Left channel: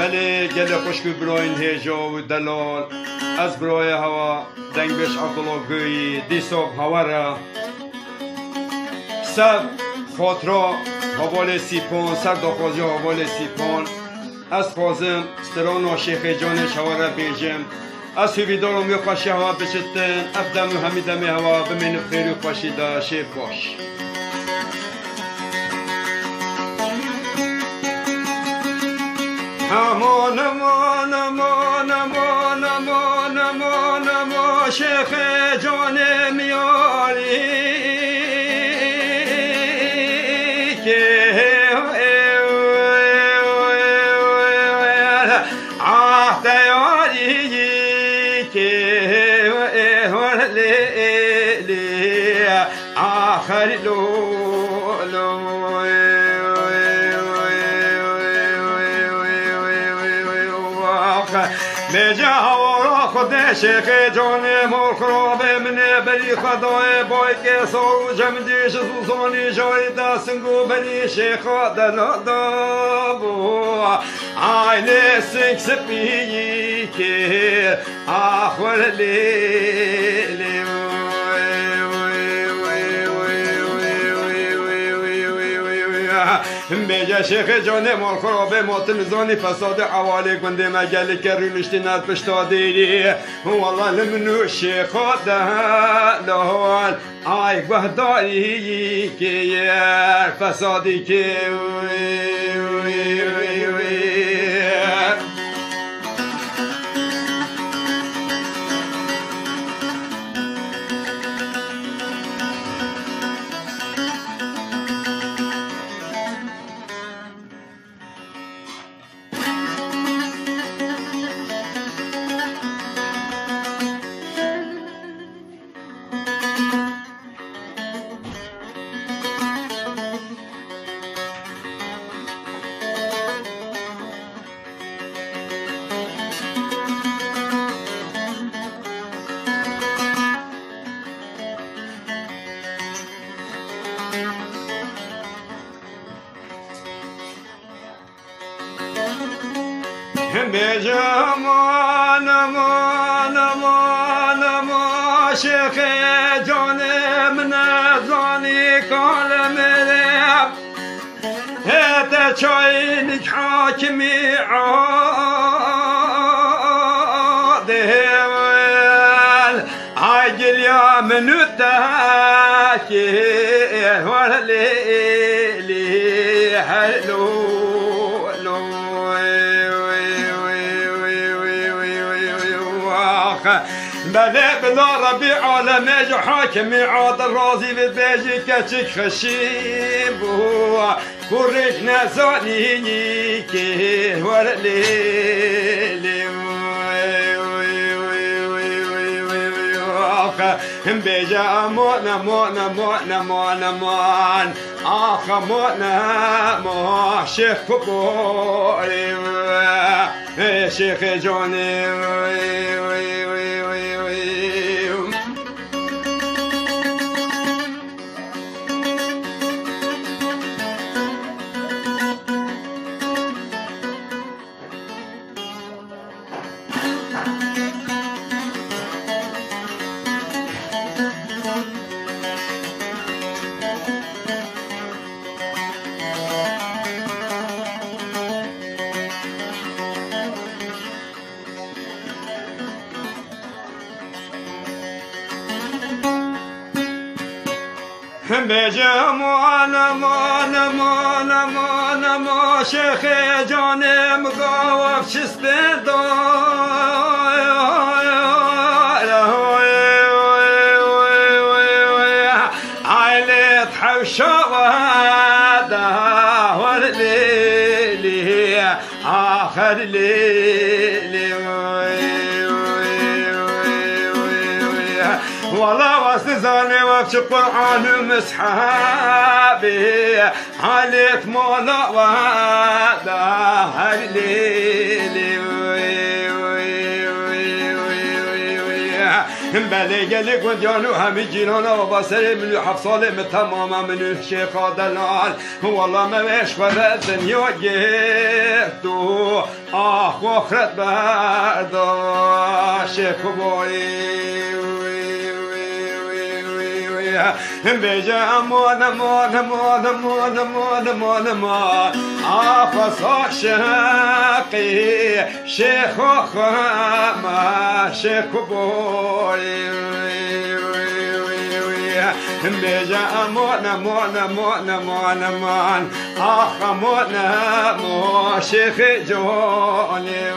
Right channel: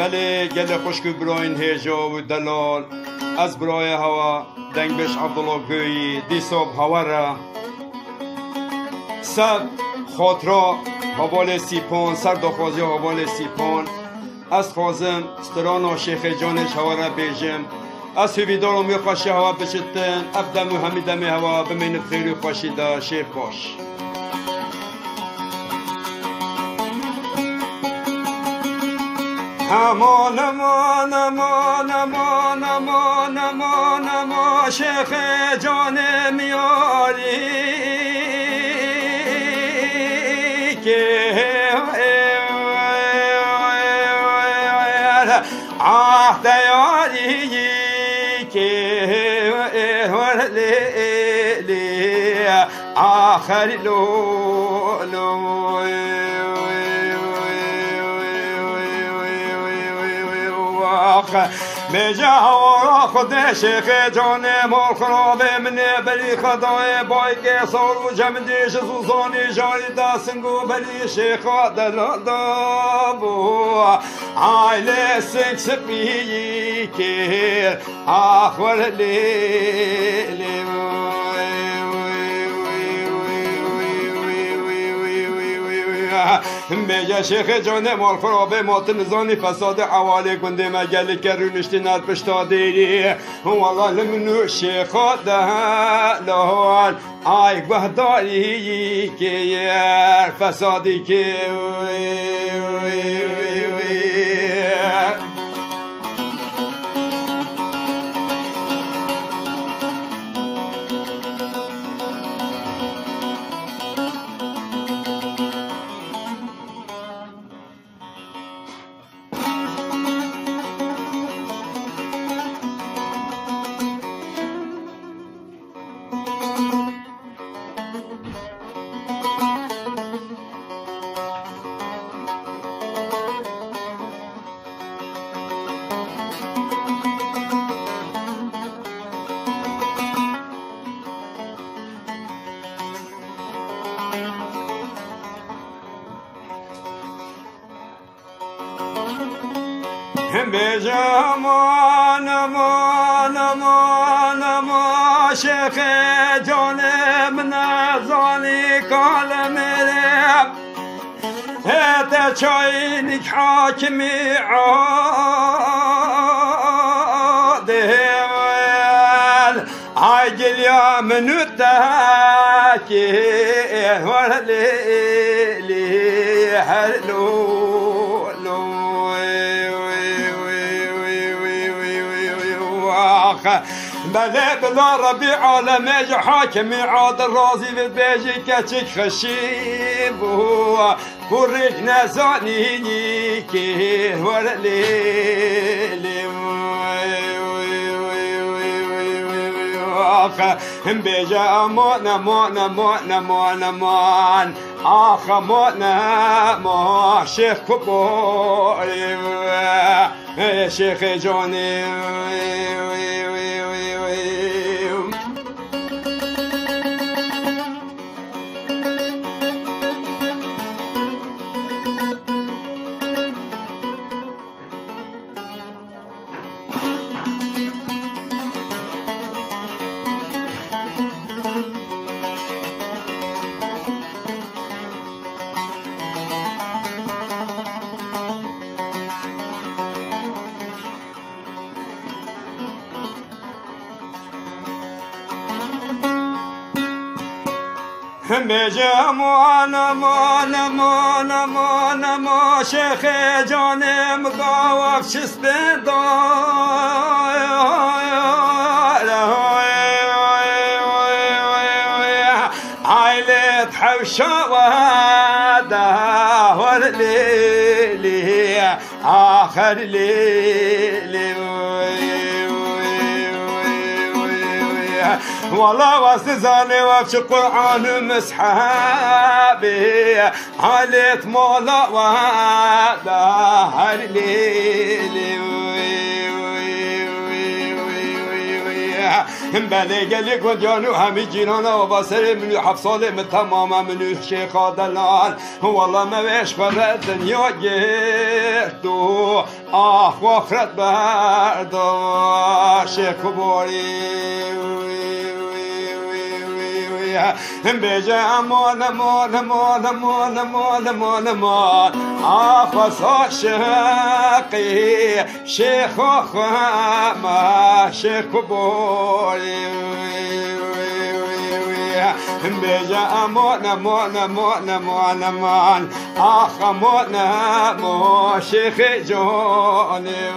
بله گل خوشک براین هیجا و دلال از برای هوا دنگش عبدالله گویی دیساب هوا را سب خاطرا حوال سیپان سر داخوازی حوال سیپان از خوازم ستران و شیخ جانش هوا را بیجم از هویدارم یا خوشی هوا بچتن ابدم و همیدم هوا بمین خیلی خوشی دا شیخ باش امان امان امان امان امان امان امان شیخ جان میاری که دیاری که لی آخر لو بجاورا خود شیخ جان مال خراب من بلی خدای بای که سارو جمع دیش سوزانی جاری دستنگو بلی شیخ دلدابو آیل سنگ سپیی که آخور لی میگه شیخ جان مال خرابه ماتمزانی فساد حوالی کنده مگلی که رونشتی ند پشتا دیری والله لمنو شیخ دهال آی بهداری که فسادی که بجام امان امان امان شیخ جان من زانی کال میرم هت چاینک حاکمی عادل عاجل یا منو تاکی لی هلو بله بلا ربي عالمي حاكمي عاد الرازي ببيجي كاتشك خشيب وريك نزاني كي ولا لي بيجا مونا مونا مونا مونا مونا آخ مونا مو شيخ كبوري شيخ جوني بجام وانا مانا مانا مانا ما شيخ جاني مقاوف شستدو عيلت حوشا وهذا ولي آخر لي والله واستزاني وفش القرآن مسحابي عليت مولا وهذا هلي بله گلی گندیانو همی جینانا و بسر منو 7 ساله تماما منو شیخا دلال والله موش خورد دنیا گرد و آخ و آخرت بردار شیخ باری بجا امان امان امان امان امان امان امان آخص عاشقی شیخ و خما شیخ بوری بجا امان امان امان امان امان آخ امان امان شیخ جانی